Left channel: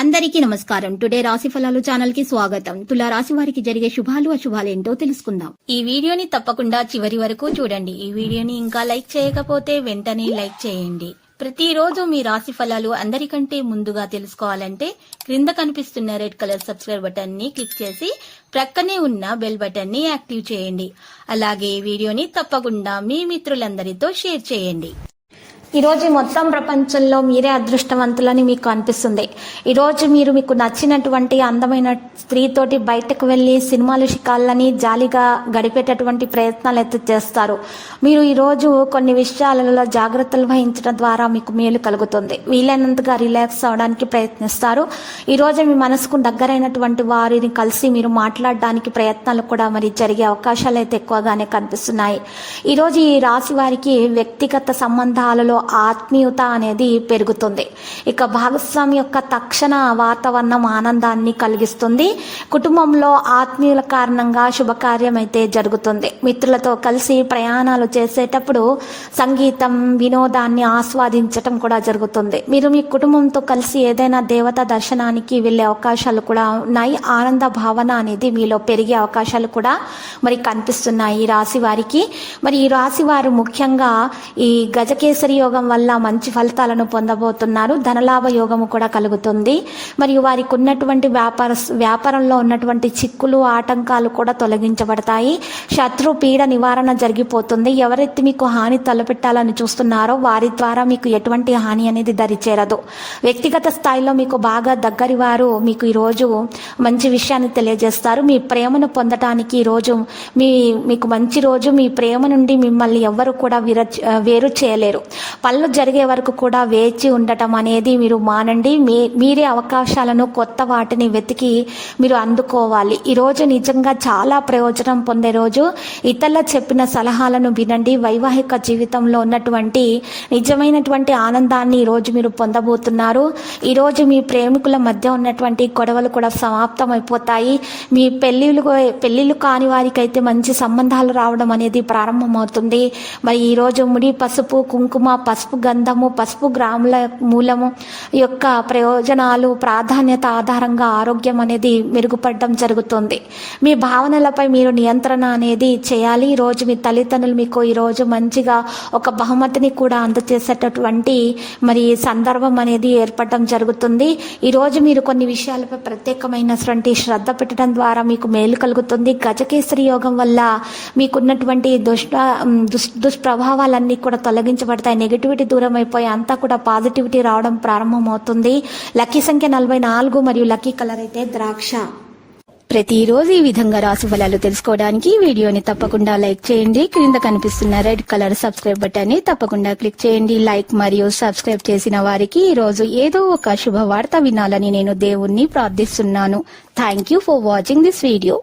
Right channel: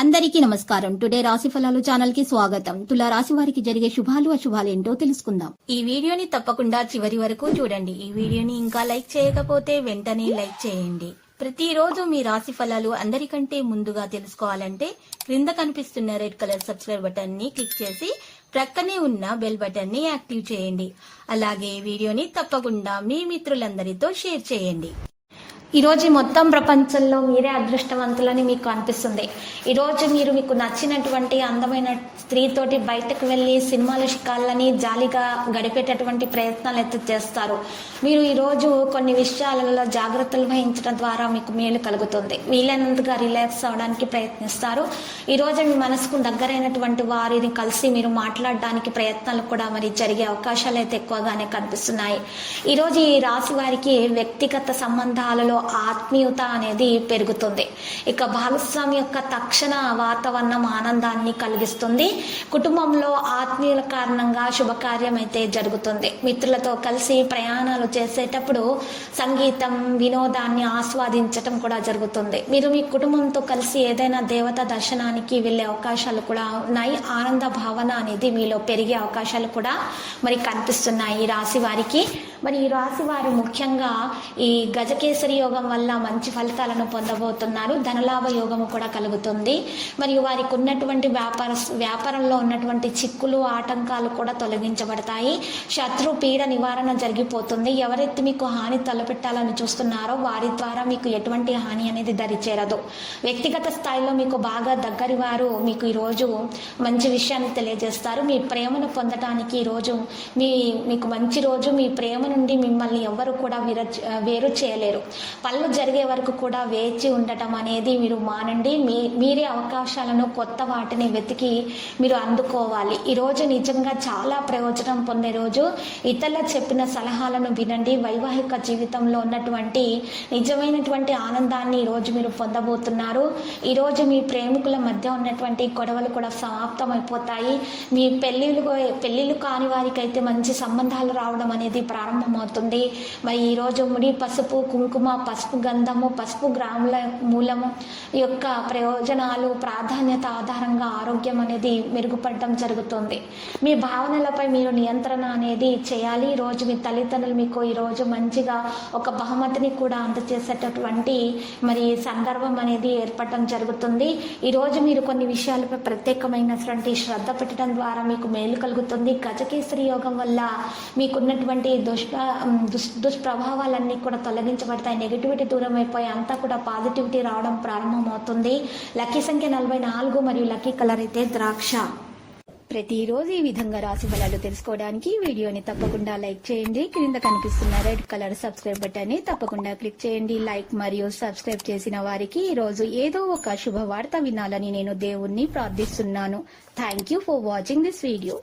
అందరికీ నమస్కారం. టుడే రాశి ఫలాలు ఛానల్ కి స్వాగతం. తులా రాశి వారికి జరిగే శుభాలు అశుభాలు ఏంటో తెలుసుకుందాం. ఈ వీడియోని తప్పకుండా చివరి వరకు చూడండి. ఈ వీడియోని ఇంకా లైక్ చేయకపోతే వెంటనే లైక్ చేయండి. ప్రతిరోజు మీ రాశి ఫలాలు అందరికంటే ముందుగా తెలుసుకోవాలంటే క్రింద కనిపిస్తున్న రెడ్ కలర్ సబ్స్క్రైబ్ బటన్ ని క్లిక్ చేసి ప్రక్కనే ఉన్న బెల్ బటన్ ని యాక్టివ్ చేయండి. అలాగే ఈ వీడియోని తప్పకుండా మీ మిత్రులందరితో షేర్ చేయండి. ఈరోజు మొత్తం ప్రపంచంలో మీరే అదృష్టవంతులని మీకు అనిపిస్తుంది. ఈరోజు మీరు మీకు నచ్చినటువంటి అందమైన స్త్రీతోటి బయటకు వెళ్ళి సినిమాలు షికాళ్ళని జాలీగా గడిపేటటువంటి ప్రయత్నాలు అయితే చేస్తారు. మీరు ఈరోజు కొన్ని విషయాలలో జాగ్రత్తలు వహించడం ద్వారా మీకు మేలు కలుగుతుంది. వీలైనంతగా రిలాక్స్ అవడానికి ప్రయత్నిస్తారు. ఈరోజు మీ మనసుకు దగ్గరైనటువంటి వారిని కలిసి మీరు మాట్లాడడానికి ప్రయత్నాలు కూడా మరి జరిగే అవకాశాలు అయితే ఎక్కువగానే కనిపిస్తున్నాయి. ఈరోజు ఈ రాశి వారికి వ్యక్తిగత సంబంధాలలో ఆత్మీయత అనేది పెరుగుతుంది. ఇక భాగస్వామి యొక్క తక్షణ వాతావరణం ఆనందాన్ని కలిగిస్తుంది. కుటుంబంలో ఆత్మీయుల కారణంగా శుభకార్యం అయితే జరుగుతుంది. మిత్రులతో కలిసి ప్రయాణాలు చేసేటప్పుడు సంగీతం వినోదాన్ని ఆస్వాదించటం కూడా జరుగుతుంది. మీరు మీ కుటుంబంతో కలిసి ఏదైనా దేవత దర్శనానికి వెళ్ళే అవకాశాలు కూడా ఉన్నాయి. ఆనంద భావన అనేది మీలో పెరిగే అవకాశాలు కూడా మరి కనిపిస్తున్నాయి ఈ రాశి వారికి. మరి ఈ రాశి వారు ముఖ్యంగా ఈ గజకేసరి యోగం వల్ల మంచి ఫలితాలను పొందబోతున్నారు. ధనలాభ యోగము కూడా కలుగుతుంది. మరియు వారికి ఉన్నటువంటి వ్యాపారంలో ఉన్నటువంటి చిక్కులు ఆటంకాలు కూడా తొలగించబడతాయి. శత్రు పీడ నివారణ జరిగిపోతుంది. ఎవరైతే మీకు హాని తలపెట్టాలని చూస్తున్నారో వారి ద్వారా మీకు ఎటువంటి హాని అనేది దరిచేరదు. వ్యక్తిగత స్థాయిలో మీకు బాగా దగ్గరి వారు మీకు ఈరోజు మంచి విషయాన్ని తెలియజేస్తారు. మీ ప్రేమను పొందటానికి ఈరోజు మీకు మంచి రోజు. మీ ప్రేమ నుండి మిమ్మల్ని ఎవ్వరు కూడా వేరు చేయలేరు. పనులు జరిగే వరకు కూడా వేచి ఉండటం అనేది మీరు మానండి. మీరే అవకాశాలను కొత్త వాటిని వెతికి మీరు అందుకోవాలి. ఈరోజు నిజంగా చాలా ప్రయోజనం పొందే రోజు. ఇతరుల చెప్పిన సలహాలను వినండి. వైవాహిక జీవితంలో ఉన్నటువంటి నిజమైనటువంటి ఆనందాన్ని ఈరోజు మీరు పొందబోతున్నారు. ఈరోజు మీ ప్రేమికుల మధ్య ఉన్నటువంటి గొడవలు కూడా సమాప్తం అయిపోతాయి. మీ పెళ్ళిళ్ళు కాని వారికి అయితే మంచి సంబంధాలు రావడం అనేది ప్రారంభమవుతుంది. మరి ఈరోజు ముడి పసుపు కుంకుమ పసుపు గంధము పసుపు గ్రాముల మూలము యొక్క ప్రయోజనాలు ప్రాధాన్యత ఆధారంగా ఆరోగ్యం అనేది మెరుగుపడడం జరుగుతుంది. మీ భావనలపై మీరు నియంత్రణ అనేది చేయాలి. ఈరోజు మీ తల్లిదండ్రులు మీకు ఈరోజు మంచిగా ఒక బహుమతిని కూడా అందజేసేటటువంటి మరి సందర్భం అనేది ఏర్పడడం జరుగుతుంది. ఈరోజు మీరు కొన్ని విషయాలపై ప్రత్యేకమైనటువంటి శ్రద్ధ పెట్టడం ద్వారా మీకు మేలు కలుగుతుంది. గజకేసరి యోగం వల్ల మీకున్నటువంటి దుష్ప్రభావాలన్నీ కూడా తొలగించబడతాయి. నెగిటివిటీ దూరం అయిపోయి అంతా కూడా పాజిటివిటీ రావడం ప్రారంభమవుతుంది. లక్కీ సంఖ్య 44 మరియు లక్కీ కలర్ అయితే ద్రాక్ష. ప్రతిరోజు ఈ విధంగా రాశి ఫలాలు తెలుసుకోవడానికి వీడియోని తప్పకుండా లైక్ చేయండి. క్రింద కనిపిస్తున్న రెడ్ కలర్ సబ్స్క్రైబ్ బటన్ ని తప్పకుండా క్లిక్ చేయండి. లైక్ మరియు సబ్స్క్రైబ్ చేసిన వారికి ఈ రోజు ఏదో ఒక శుభవార్త వినాలని నేను దేవుణ్ణి ప్రార్థిస్తున్నాను. Thank you for watching this video.